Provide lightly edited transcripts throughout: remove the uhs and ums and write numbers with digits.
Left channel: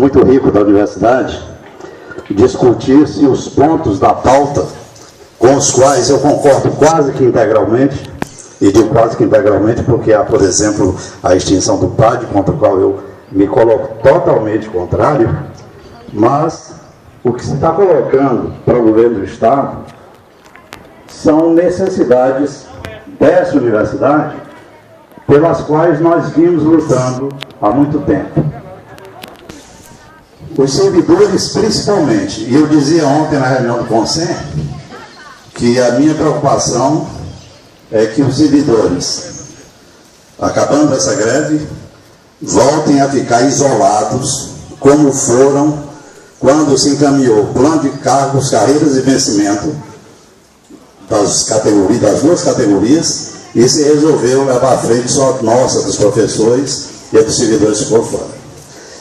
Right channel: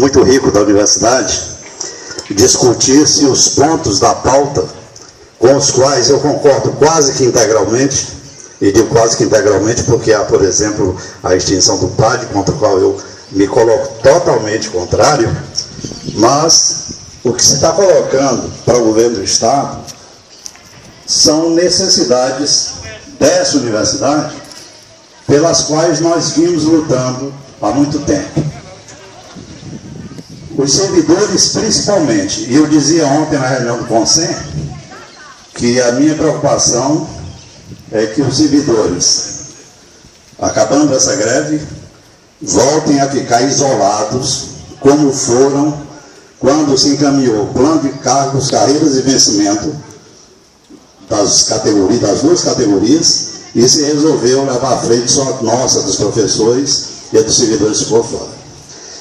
muito rico da universidade, discutir-se os pontos da pauta com os quais eu concordo quase que integralmente, e digo quase que integralmente porque há, por exemplo, a extinção do PAD, contra o qual eu me coloco totalmente contrário, mas o que se está colocando para o governo do Estado são necessidades dessa universidade pelas quais nós vimos lutando há muito tempo. Os servidores, principalmente, e eu dizia ontem na reunião do Conselho, que a minha preocupação é que os servidores, acabando essa greve, voltem a ficar isolados, como foram quando se encaminhou o plano de cargos, carreiras e vencimento das duas categorias, e se resolveu levar à frente só a nossa, dos professores e a dos servidores que foram fora.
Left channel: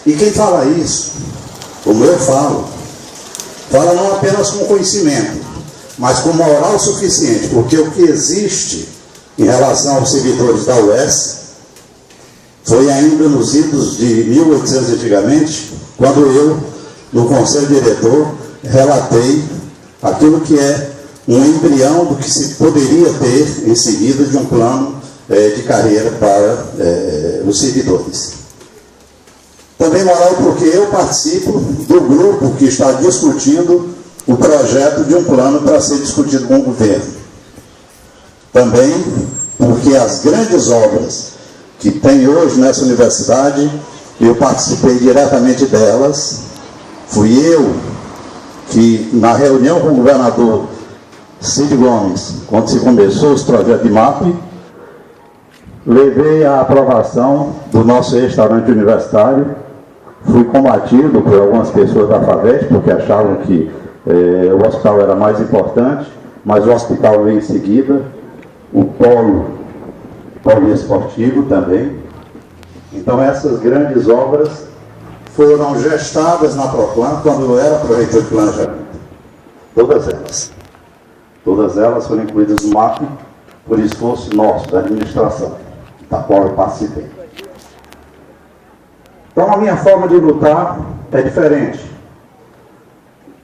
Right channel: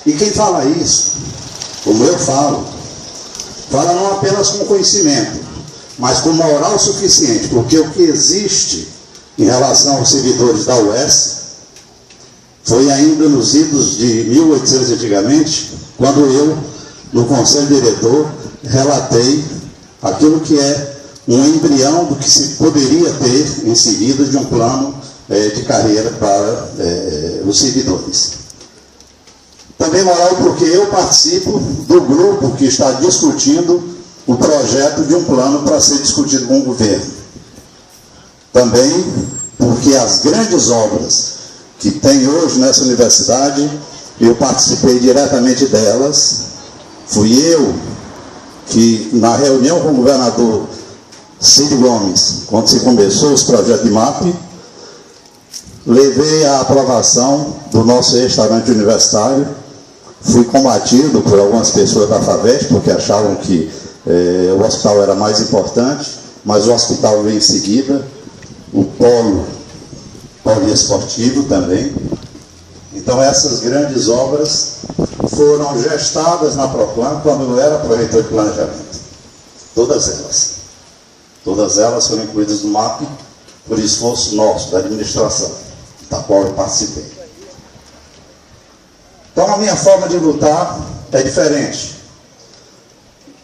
E quem fala isso, como eu falo, fala não apenas com conhecimento, mas com moral suficiente, porque o que existe em relação aos servidores da UES foi ainda nos idos de 1800 antigamente, quando eu, no Conselho Diretor, relatei aquilo que é um embrião do que se poderia ter em seguida de um plano de carreira para os servidores. Também moral porque eu participo do grupo que está discutindo o projeto de um plano para ser discutido com o governo. Também porque as grandes obras que tem hoje nessa universidade, eu participei diretamente delas. Fui eu que, na reunião com o governador Cid Gomes, quando se começou os projetos de MAP, levei a aprovação do nosso restaurante universitário. Fui combatido por algumas pessoas da FAVEST, porque achavam que o hospital era mais importante, mas o hospital veio em seguida, o polo esportivo também. Então essas grandes obras foram gestadas na Proplan quando eu era proreitor de planejamento. Todas elas. Todas elas foram incluídas no MAP por esforço nosso, da administração, da qual eu participei. Então a minha forma de lutar é diferente.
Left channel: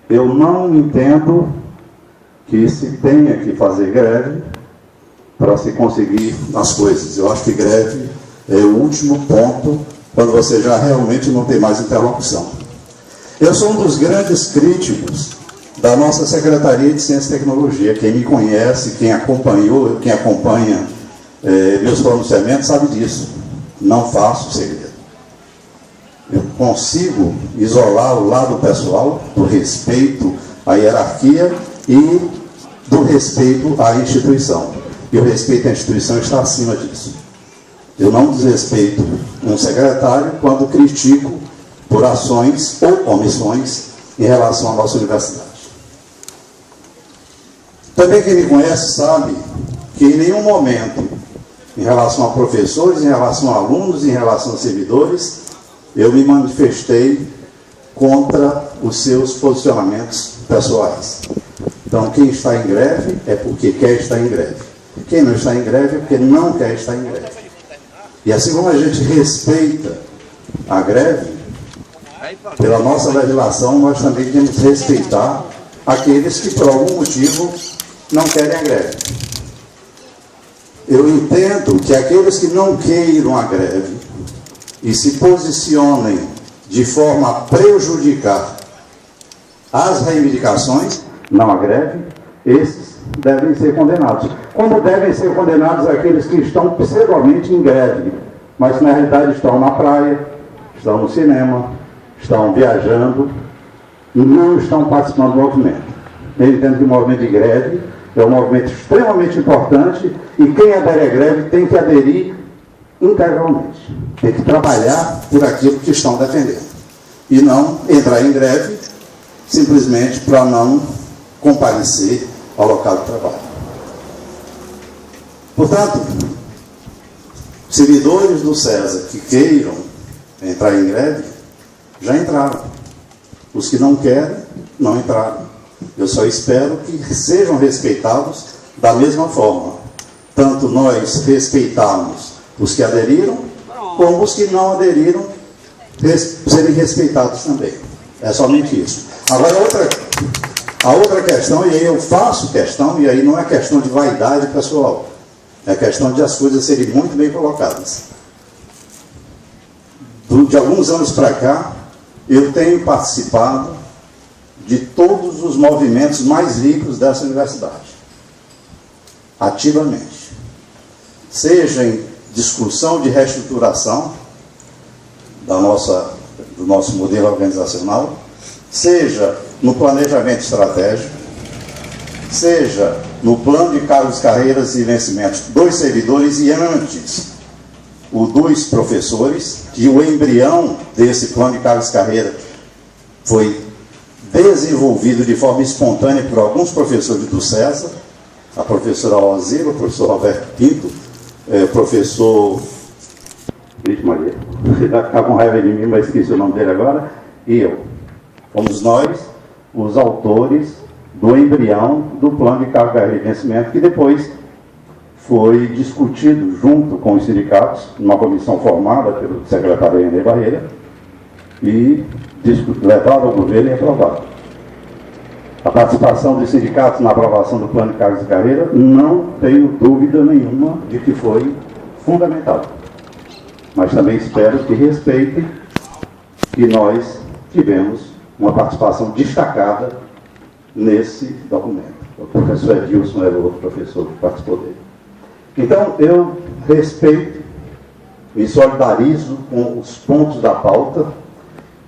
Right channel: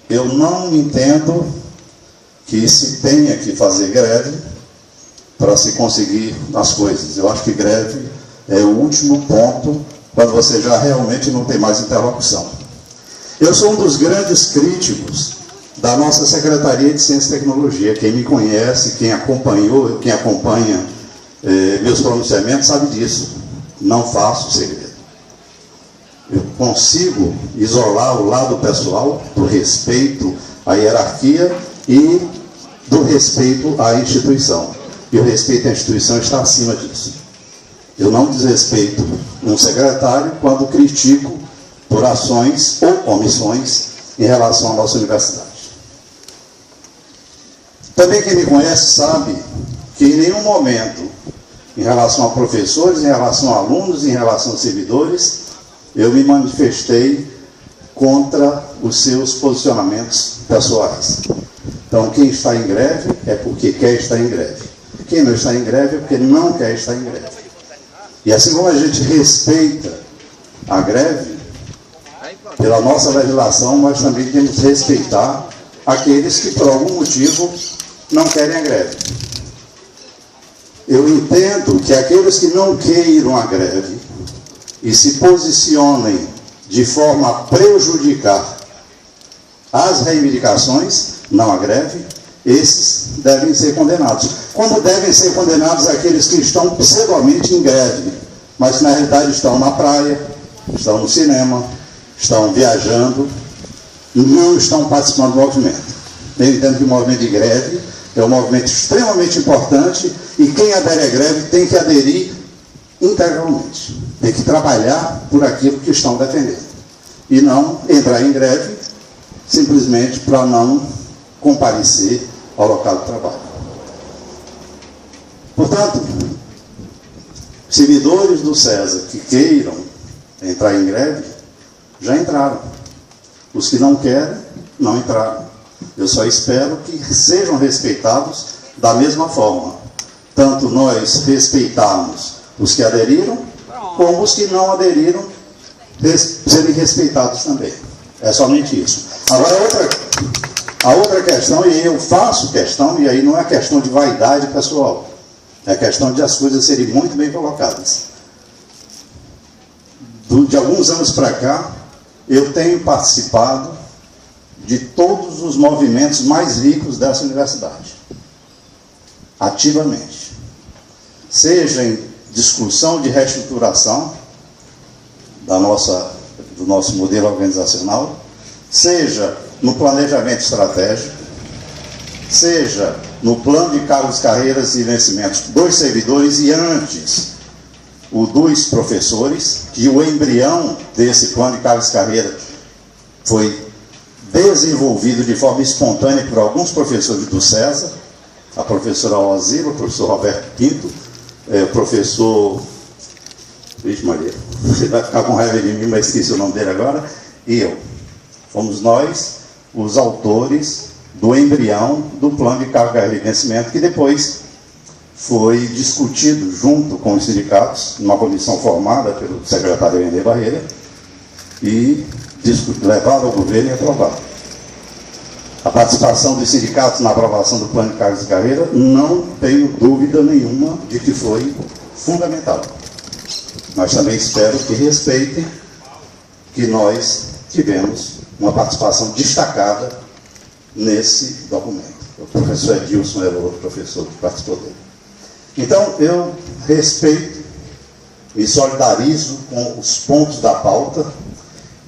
Eu não entendo que se tenha que fazer greve para se conseguir as coisas. Eu acho que greve é o último ponto quando você já realmente não tem mais interlocução. Eu sou um dos grandes críticos da nossa Secretaria de Ciência e Tecnologia. Quem me conhece, quem acompanha meus pronunciamentos sabe disso. Não faço segredo. Eu consigo isolar o lado pessoal do respeito à hierarquia e do respeito à instituição. E o respeito à instituição está acima disso. Eu não desrespeito um secretário quando critico por ações ou omissões em relação à nossa universidade. Também quem me conhece sabe que em nenhum momento, em relação a professores, em relação a alunos, em relação a servidores, eu me manifestei contra os seus posicionamentos pessoais. Então, quem está em greve é porque quer estar em greve. Quem não está em greve é porque não quer estar em greve. E assim como a gente respeita a greve, pela nossa legislação, nós também temos que respeitar aqueles que, por algum motivo, não querem a greve. Eu entendo que aqueles que não queiram a greve e se posicionem de forma a prejudicar as reivindicações, não a greve, esses devem ser condenados. Como devem ser condenados aqueles que estão pseudomente em greve, mas na realidade estão na praia, estão no cinema, estão viajando e não estão participando do movimento. Eu entendo que o movimento de greve é um movimento extremamente importante e quem adere à greve tem que aderir integralmente. Tem que trabalhar por aquilo que estão defendendo. E não entrar em greve simplesmente para não comparecer ao local de trabalho. Portanto, servidores do CESA que queiram entrar em greve, já entraram. Os que não querem, não entraram. Eu só espero que sejam respeitados da mesma forma. Tanto nós respeitarmos os que aderiram, como os que não aderiram serem respeitados também. É somente isso. Agora, a outra questão, e aí eu faço questão, e aí não é questão de vaidade pessoal, é questão de as coisas serem muito bem colocadas. De alguns anos para cá, eu tenho participado de todos os movimentos mais ricos dessa universidade, ativamente. Seja em discussão de reestruturação do nosso modelo organizacional, seja no planejamento estratégico, seja no plano de cargos, carreiras e vencimentos dos servidores e antes o dos professores, que o embrião desse plano de cargos e carreiras foi desenvolvido de forma espontânea por alguns professores do César, a professora Alzira, o professor Roberto Pinto, o professor... Vixe Maria, você vai ficar com raiva de mim, mas esqueci o nome dele agora, e eu. Fomos nós os autores do embrião do plano de cargo, carreira e vencimento, que depois foi discutido junto com os sindicatos, numa comissão formada pelo secretário René Barreira, e levado ao governo e aprovado. A participação dos sindicatos na aprovação do plano de cargos e carreira, não tenho dúvida nenhuma de que foi fundamental. Mas também espero que respeitem que nós tivemos uma participação destacada nesse documento. O professor Edilson era o outro professor que participou dele. Então, eu respeito, me solidarizo com os pontos da pauta,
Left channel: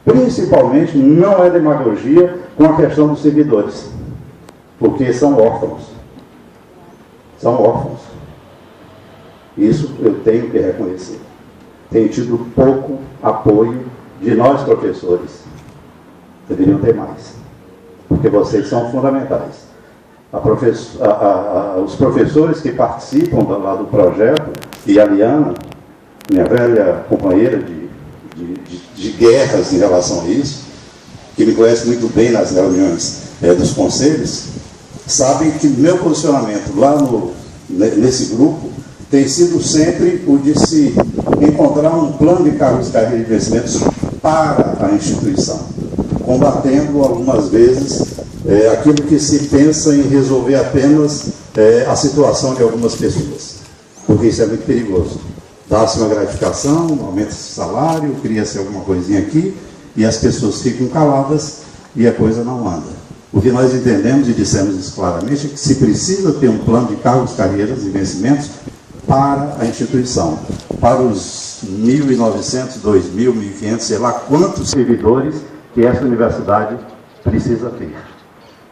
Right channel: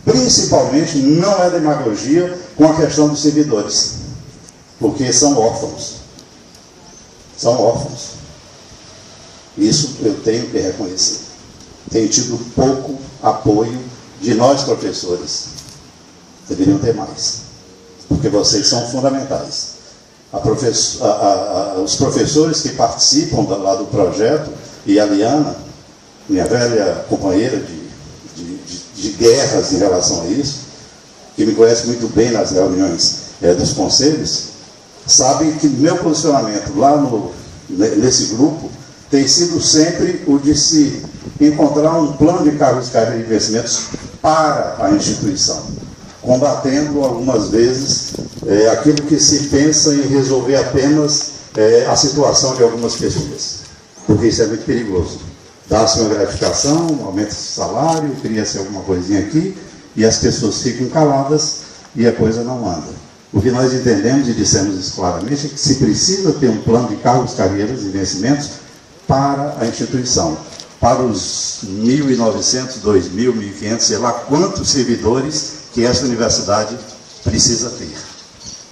principalmente, não é demagogia, com a questão dos servidores, porque são órfãos. São órfãos. Isso eu tenho que reconhecer. Tenho tido pouco apoio de nós, professores. Deveriam ter mais, porque vocês são fundamentais. Os professores que participam lá do projeto, e a Liana, minha velha companheira de guerras em relação a isso, que me conhece muito bem nas reuniões dos conselhos, sabem que meu posicionamento lá nesse grupo tem sido sempre o de se encontrar um plano de cargos, carreiras e investimentos para a instituição, combatendo algumas vezes aquilo que se pensa em resolver apenas a situação de algumas pessoas, porque isso é muito perigoso. Dá-se uma gratificação, aumenta esse salário, cria-se alguma coisinha aqui, e as pessoas ficam caladas e a coisa não anda. O que nós entendemos e dissemos isso claramente é que se precisa ter um plano de cargos, carreiras e vencimentos para a instituição, para os 1.900, 2.000, 1.500, sei lá quantos servidores que essa universidade precisa ter.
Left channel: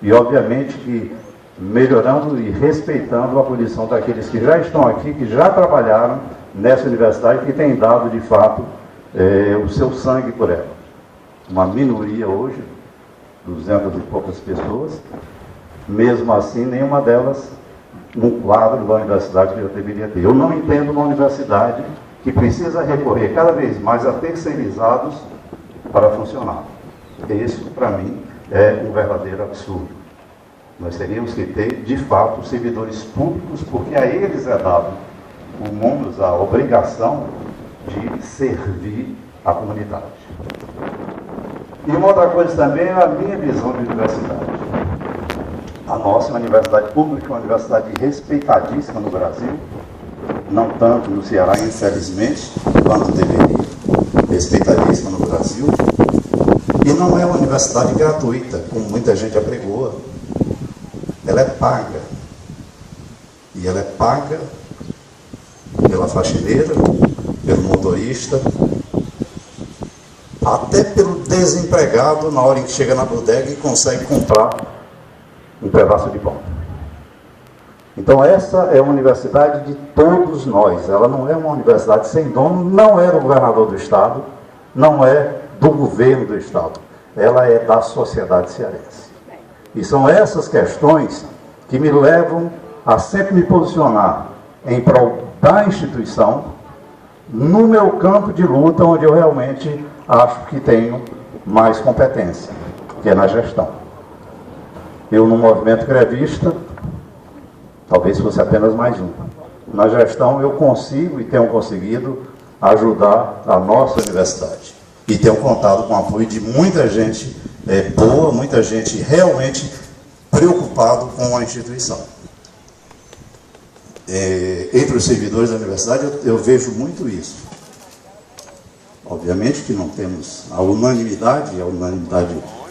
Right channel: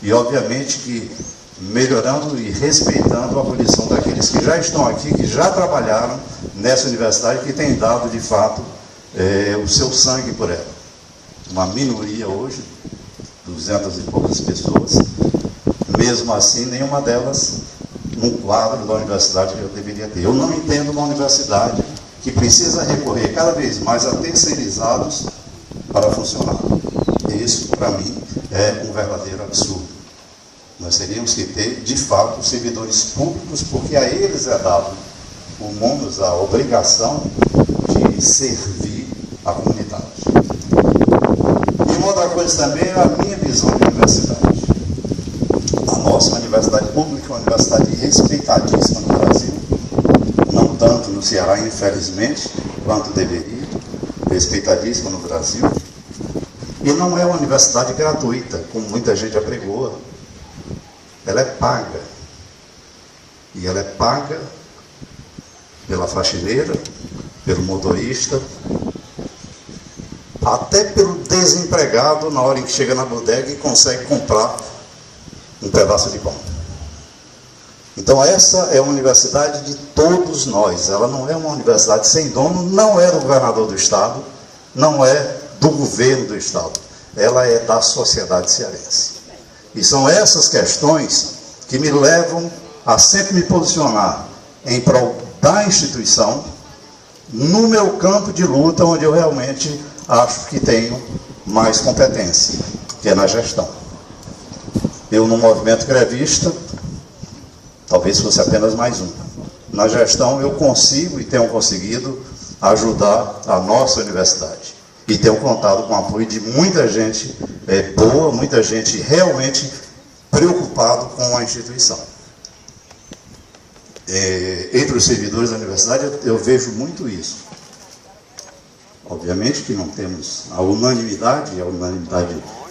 E, obviamente, que melhorando e respeitando a abolição daqueles que já estão aqui, que já trabalharam nessa universidade, que têm dado, de fato, o seu sangue por ela. Uma minoria hoje, 200 e poucas pessoas, mesmo assim, nenhuma delas num quadro da universidade que eu deveria ter. Eu não entendo uma universidade que precisa recorrer cada vez mais a terceirizados para funcionar. E isso, para mim, é um verdadeiro absurdo. Nós teríamos que ter, de fato, servidores públicos, porque a eles é dado o mundo, a obrigação de servir a comunidade. E uma outra coisa também é a minha visão de universidade. A nossa universidade pública é uma universidade respeitadíssima no Brasil, não tanto no Ceará, infelizmente, quanto deveria. Respeitadíssima no Brasil. E não é uma universidade gratuita, como muita gente apregoa. Ela é paga. E ela é paga pela faxineira, pelo motorista, até pelo desempregado na hora em que chega na bodega e consegue comprar um pedaço de pão. Então essa é a universidade de todos nós. Ela não é uma universidade sem dono, não é do governador do estado, não é do governo do estado. Ela é da sociedade cearense. E são essas questões que me levam a sempre me posicionar em prol da instituição, no meu campo de luta, onde eu realmente acho que tenho mais competência, que é na gestão. Eu, no movimento grevista, talvez fosse apenas mais um. Na gestão, eu consigo e tenho conseguido ajudar a nossa universidade. e tenho contado com o apoio de muita gente boa, muita gente realmente preocupado com a instituição. Entre os servidores da universidade eu vejo muito isso. Obviamente que não temos a unanimidade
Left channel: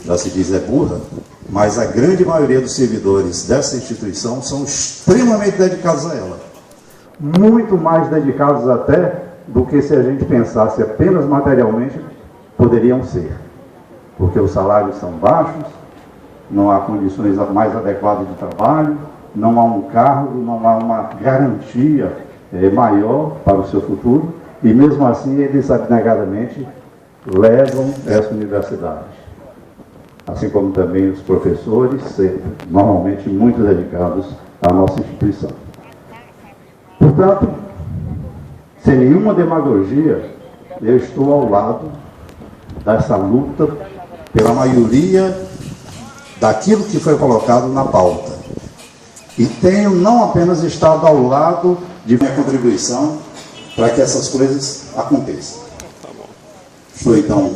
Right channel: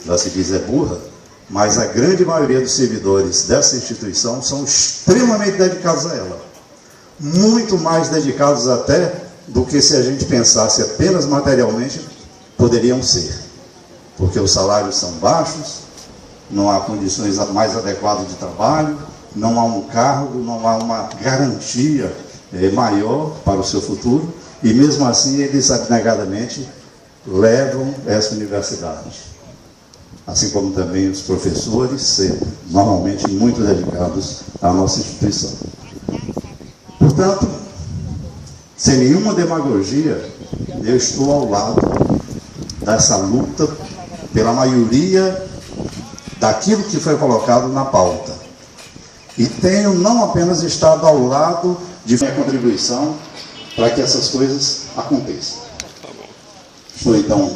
já se diz é burra, mas a grande maioria dos servidores dessa instituição são extremamente dedicados a ela. Muito mais dedicados até do que se a gente pensasse apenas materialmente poderiam ser. Porque os salários são baixos, não há condições mais adequadas de trabalho, não há um cargo, não há uma garantia maior para o seu futuro, e mesmo assim eles abnegadamente levam essa universidade. Assim como também os professores, sempre, normalmente muito dedicados à nossa instituição. Portanto, sem nenhuma demagogia, eu estou ao lado dessa luta pela maioria daquilo que foi colocado na pauta. E tenho não apenas estado ao lado de minha contribuição para que essas coisas aconteçam. Estou, então,